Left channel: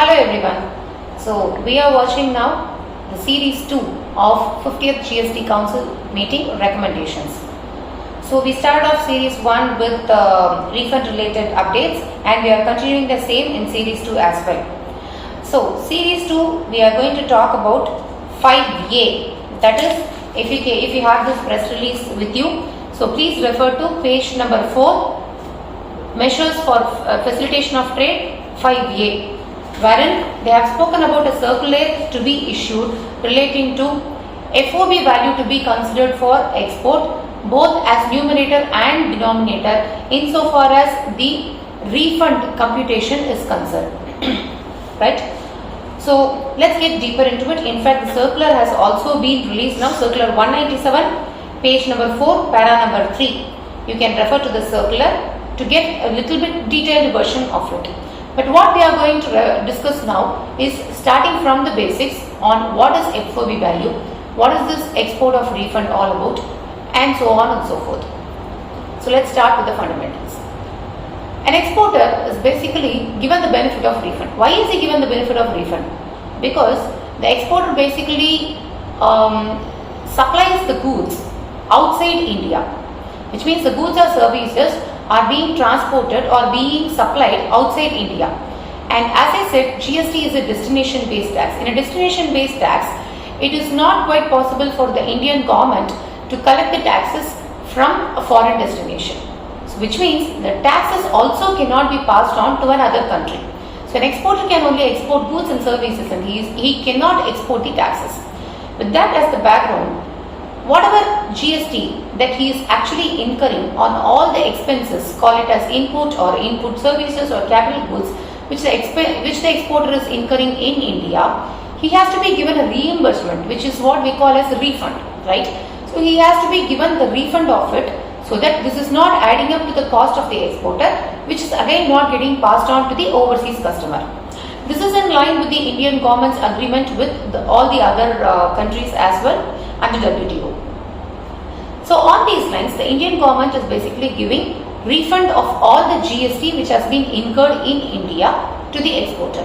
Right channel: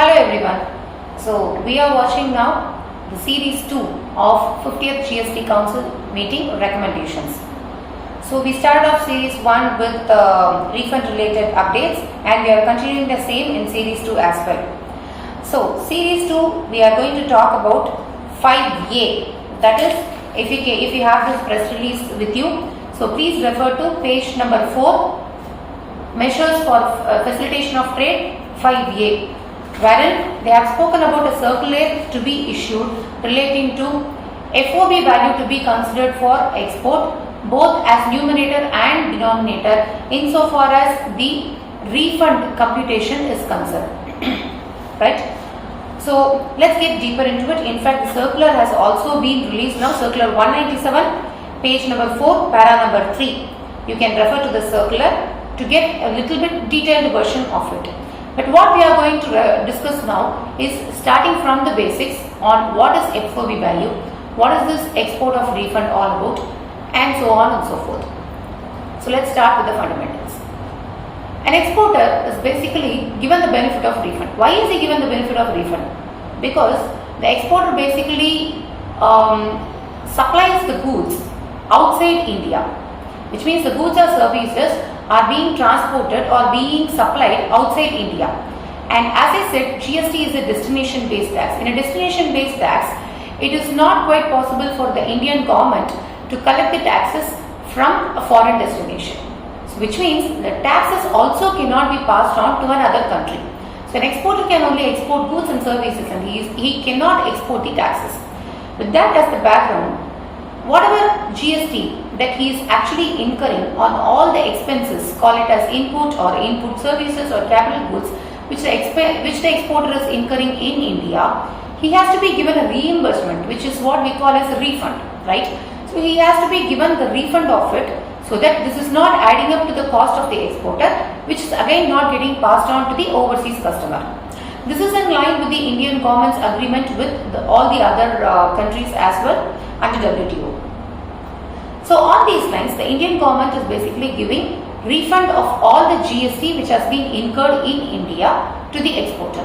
Hello everyone. So we are watching now the series 2 of 50th GST Council meeting recommendations. So we started off series 1 with refund related updates and we are continuing the same in series 2 as well. So series 2 we are going to talk about 5A, that is if you have this press release with you, so please refer to page number 4, measures for facilitation of trade 5A, wherein they have spoken about a circular to be issued relating to FOB value to be considered for export both as numerator and denominator insofar as the refund computation is concerned. Right? So let's get deeper into it. In fact, the circular has also been released now, circular 197, page number 4, para number 3. You can refer to the circular to get a little bit detailed version of it. But what we are going to discuss now is starting from the basics on what is FOB value, what is this export of refund all about, and so on and so forth. So let's start with the fundamentals. An exporter is basically given the benefit of refund. Why is he given the benefit of refund? Because the exporter basically supplies the goods outside India, which means the goods or services are being transported or being supplied outside India. And as I said, GST is a destination based tax. In a destination based tax, it is not quite possible for the Indian government to collect the taxes from a foreign destination. So which means the taxes also cannot be passed on to another country. So an exporter can only export goods and services and he cannot export the taxes. With that as the background, whatever GST that he is actually incurring on all the expenses, call it as input or input services or capital goods, which the exporter is incurring in India, he has to be given a reimbursement, which is what we call as a refund, right? So he has to be given the refund of it, so that this is not adding up to the cost of the exporter, which is again not getting passed on to the overseas customer. This is in line with the Indian government's agreement with all the other countries as well under WTO. So on these lines, the Indian government is basically giving refund of all the GST which has been incurred in India to the exporter.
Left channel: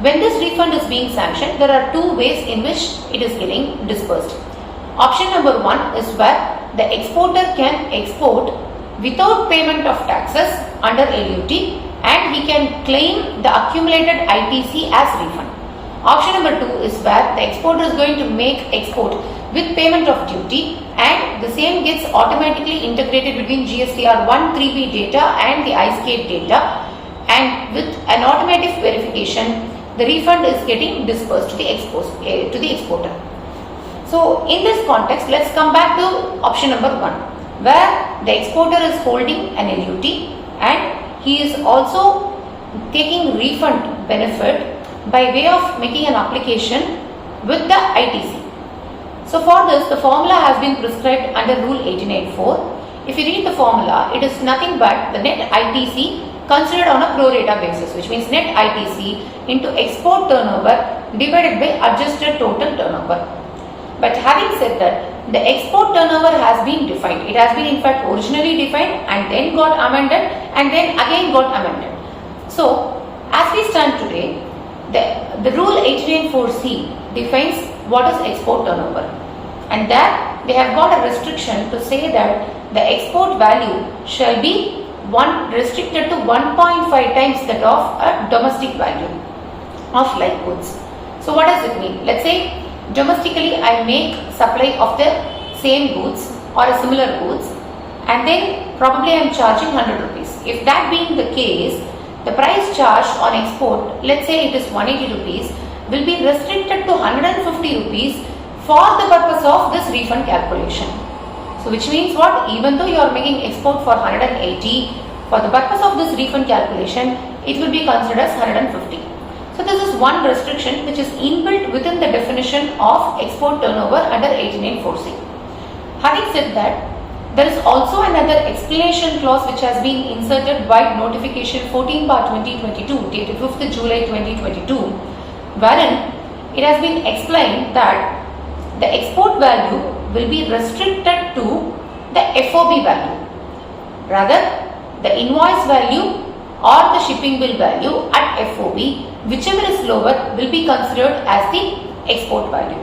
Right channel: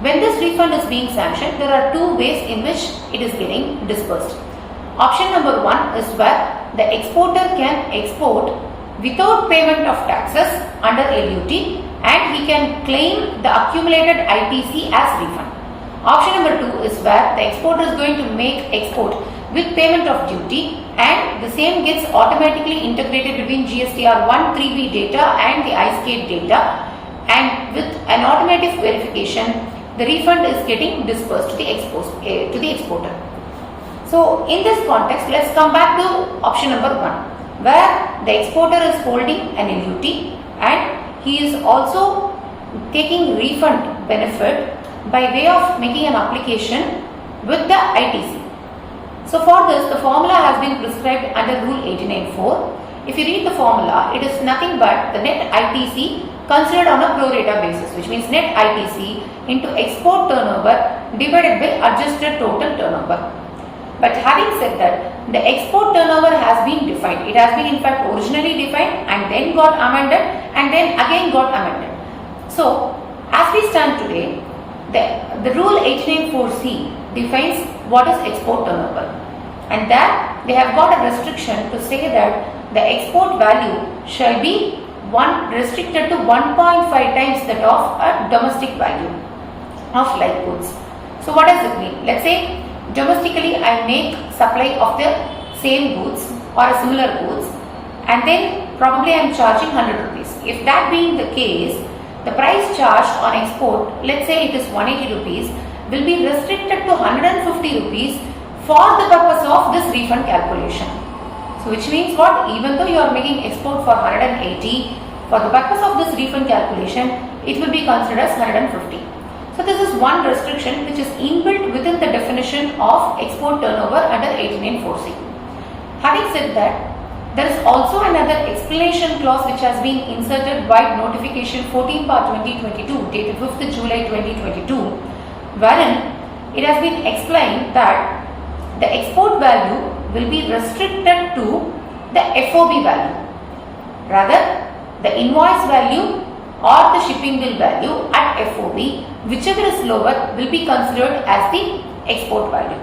When this refund is being sanctioned, there are two ways in which it is getting disbursed. Option number 1 is where the exporter can export without payment of taxes under LUT and he can claim the accumulated ITC as refund. Option number 2 is where the exporter is going to make export with payment of duty and the same gets automatically integrated between GSTR 1-3B data and the iSCADE data, and with an automatic verification the refund is getting disbursed to the exporter. So in this context, let's come back to option number 1, where the exporter is holding an LUT and he is also taking refund benefit by way of making an application with the ITC. So for this, the formula has been prescribed under Rule 89.4. If you read the formula, it is nothing but the net ITC considered on a pro rata basis, which means net ITC into export turnover divided by adjusted total turnover. But having said that, the export turnover has been defined. It has been in fact originally defined and then got amended and then again got amended. So as we stand today, the Rule 89.4C defines what is export turnover, and that they have got a restriction to say that the export value shall be restricted to 1.5 times that of a domestic value of like goods. So what does it mean? Let's say domestically I make supply of the same goods or a similar goods and then probably I am charging 100 rupees. If that being the case, the price charged on export, let's say it is 180 rupees, will be restricted to 150 rupees for the purpose of this refund calculation. So which means what? Even though you are making export for 180, for the purpose of this refund calculation, it will be considered as 150. So this is one restriction which is inbuilt within the definition of export turnover under 89.4C. Having said that, there is also another explanation clause which has been inserted by notification 14/2022 dated 5th July 2022, wherein it has been explained that the export value will be restricted to the FOB value. Rather, the invoice value or the shipping bill value at FOB, whichever is lower will be considered as the export value.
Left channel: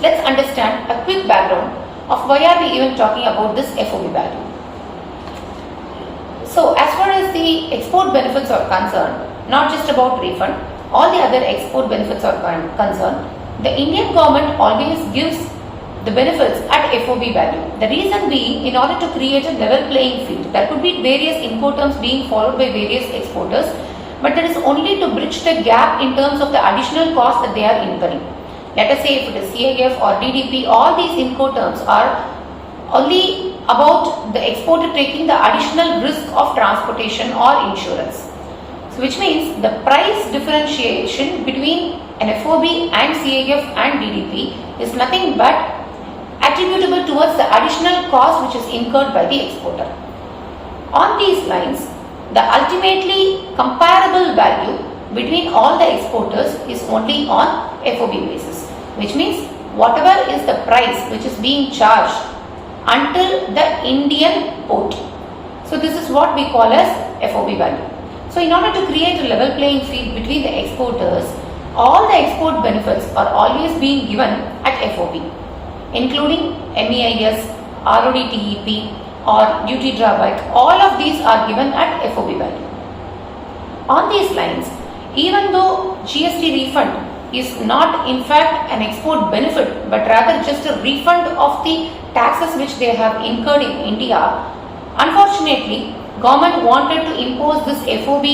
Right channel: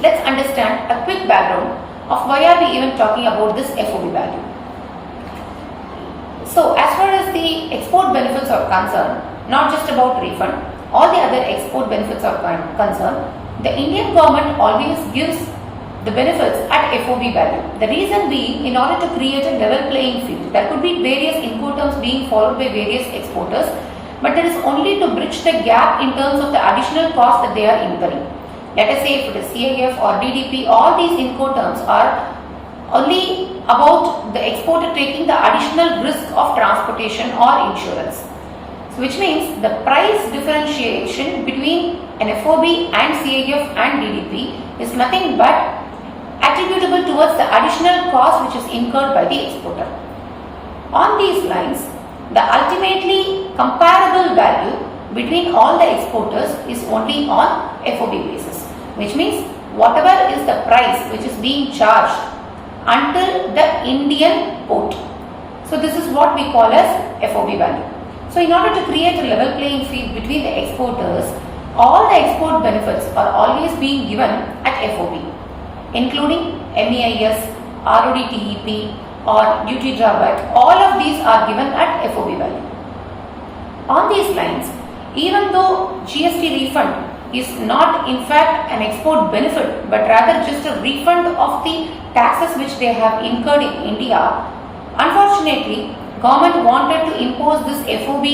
Let's understand a quick background of why are we even talking about this FOB value. So as far as the export benefits are concerned, not just about refund, all the other export benefits are concerned, the Indian government always gives the benefits at FOB value. The reason being, in order to create a level playing field, there could be various Incoterms being followed by various exporters, but that is only to bridge the gap in terms of the additional cost that they are incurring. Let us say if it is CIF or DDP, all these Incoterms are only about the exporter taking the additional risk of transportation or insurance. So which means the price differentiation between an FOB and CIF and DDP is nothing but attributable towards the additional cost which is incurred by the exporter. On these lines, the ultimately comparable value between all the exporters is only on FOB basis, which means whatever is the price which is being charged until the Indian port. So this is what we call as FOB value. So in order to create a level playing field between the exporters, all the export benefits are always being given at FOB, including MEIS, RODTEP or duty drawback. All of these are given at FOB value. On these lines, even though GST refund is not in fact an export benefit but rather just a refund of the taxes which they have incurred in India, unfortunately government wanted to impose this FOB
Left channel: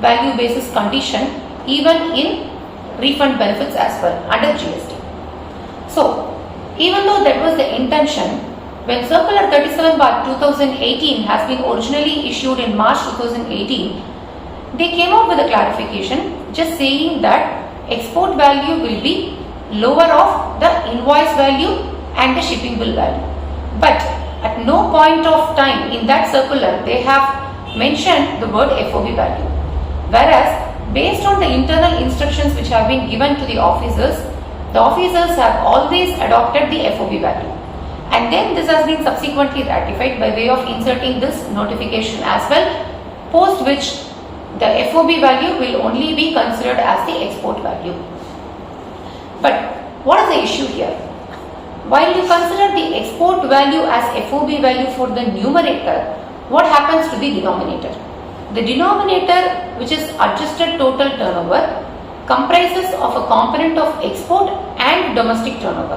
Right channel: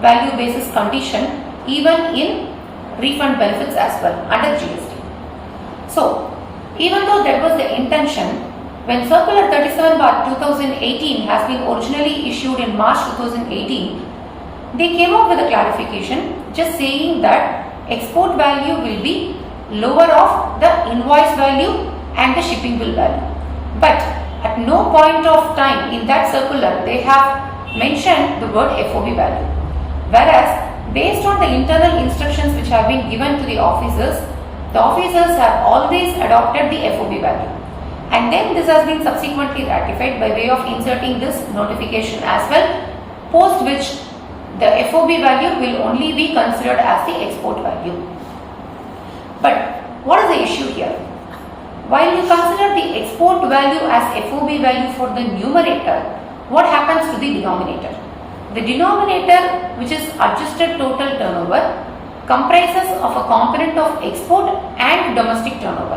value basis condition even in refund benefits as well under GST. So even though that was the intention, when Circular 37/2018 has been originally issued in March 2018, they came out with a clarification just saying that export value will be lower of the invoice value and the shipping bill value. But at no point of time in that circular they have mentioned the word FOB value. Whereas based on the internal instructions which have been given to the officers have always adopted the FOB value. And then this has been subsequently ratified by way of inserting this notification as well, post which the FOB value will only be considered as the export value. But what is the issue here? While you consider the export value as FOB value for the numerator, what happens to the denominator? The denominator, which is adjusted total turnover, comprises of a component of export and domestic turnover.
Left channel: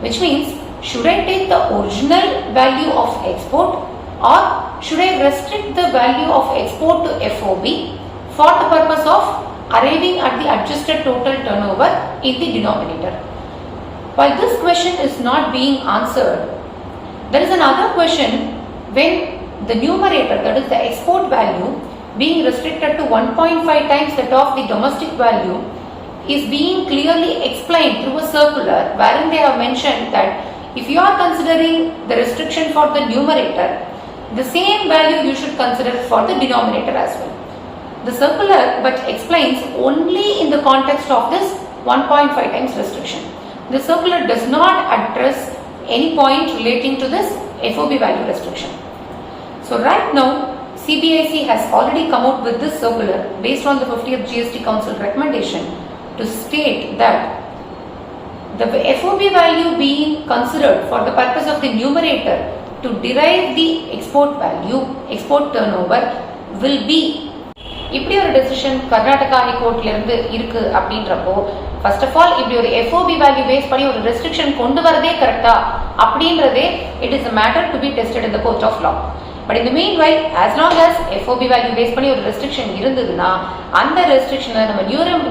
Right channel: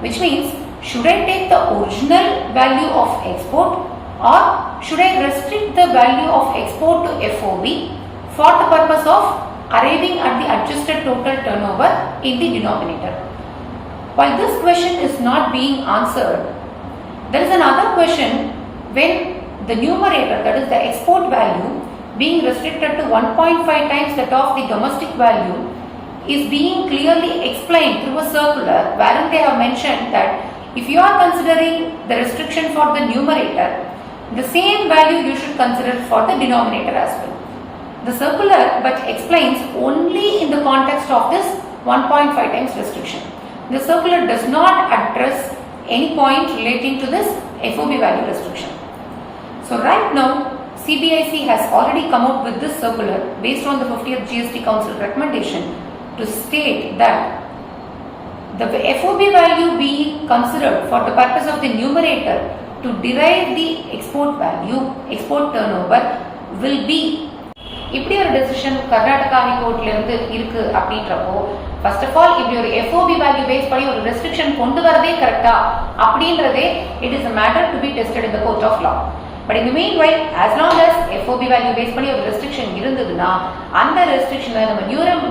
Which means, should I take the original value of export or should I restrict the value of export to FOB for the purpose of arriving at the adjusted total turnover in the denominator? While this question is not being answered, there is another question when the numerator, that is the export value, being restricted to 1.5 times that of the domestic value is being clearly explained through a circular wherein they have mentioned that if you are considering the restriction for the numerator, the same value you should consider for the denominator as well. The circular but explains only in the context of this 1.5 times restriction. The circular does not address any point relating to this FOB value restriction. So right now, CBIC has already come out with this circular based on the 50th GST Council recommendation to state that the FOB value being considered for the purpose of the numerator to derive the export value, export turnover will be. இப்படி ஒரு decision Karnataka ஹைகோர்ட்ல இருந்து இருக்கு அப்படின்றப்போ first of all இப்படி ஒரு FOB value base பண்ணி ஒரு restriction கொண்டு வரதே கரெக்டா அப்படின்றதே it is a matter to be tested in the court of law. But in the meanwhile, as long as FOB value base பண்ணி ஒரு ரெஸ்ட்ரிக்ஷன் இருந்ததுன்னா அந்த ரெஸ்ட்ரிக்ஷனை நம்ம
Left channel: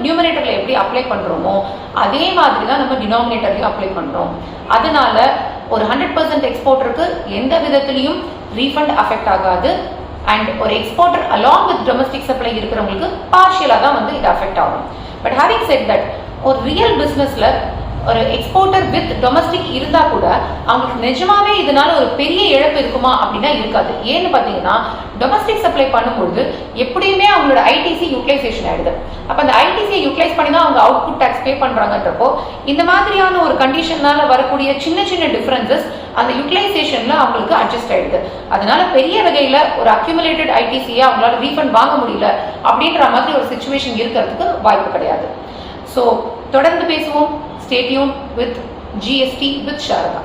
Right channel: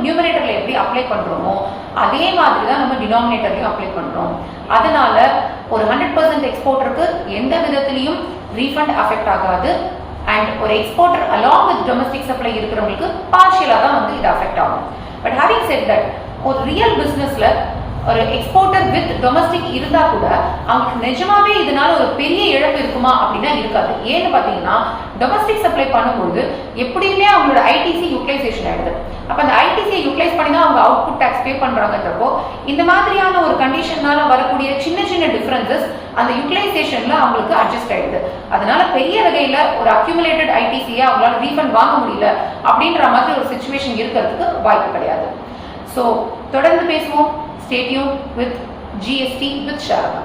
நியூமரேட்டர்ல எப்படி அப்ளை பண்றோமோ அதே மாதிரி தான் நம்ம டினாமினேட்டர்லயும் அப்ளை பண்றோம். அதனால ஒரு 100% எக்ஸ்போர்ட்டருக்கு எந்த விதத்திலையும் ரீஃபண்ட் அஃபெக்ட் ஆகாது. அண்ட் ஒரு exporter along with domestic supply இருக்கிறவங்களுக்கு பார்ஷியலா தான் வந்து இது அஃபெக்ட் ஆகும். பட் ஹேவிங் செட் தட் ஒரு ரியல் பிசினஸ்ல ஒரு எக்ஸ்போர்ட்டர் வித் டொமஸ்டிக் இருந்தா கூட அவங்களுக்கு நிஜமாவே இதனால ஒரு பெரிய இழப்பு இருக்குமா அப்படின்னா இருக்காது. ஏன்னு பாத்தீங்கன்னா டொமஸ்டிக் சப்ளை பண்ணும்போது எப்படியுமே அவங்களோட ஐடிசி யூட்டிலைசேஷன் ஆயிடுது. அப்ப அந்த ஐடிசியை யூட்டிலைஸ் பண்ணி தான் அவங்க அவுட்புட் டாக்ஸ் பே பண்றாங்கன்றப்போ இந்த மாதிரியான ஒரு கண்டிஷன்னால வரக்கூடிய சின்ன சின்ன டிஃபரன்சஸ் அந்த யூட்டிலைசேஷன்ல அவங்களுக்கு அட்ஜஸ்ட் ஆயிடுது. அதனால பெரிய வகையில ஒரு அக்யூமுலேட்டட் ஐடிசியை அவங்களால ரீஃபண்ட் வாங்க முடியல அப்படின்ற மாதிரி ஒரு சிச்சுவேஷன் இருக்கிறதுக்கு வாய்ப்பு கிடையாது. ஸோ தொடர்ந்து பேசுவோம். Stay tuned with GST with Saradha.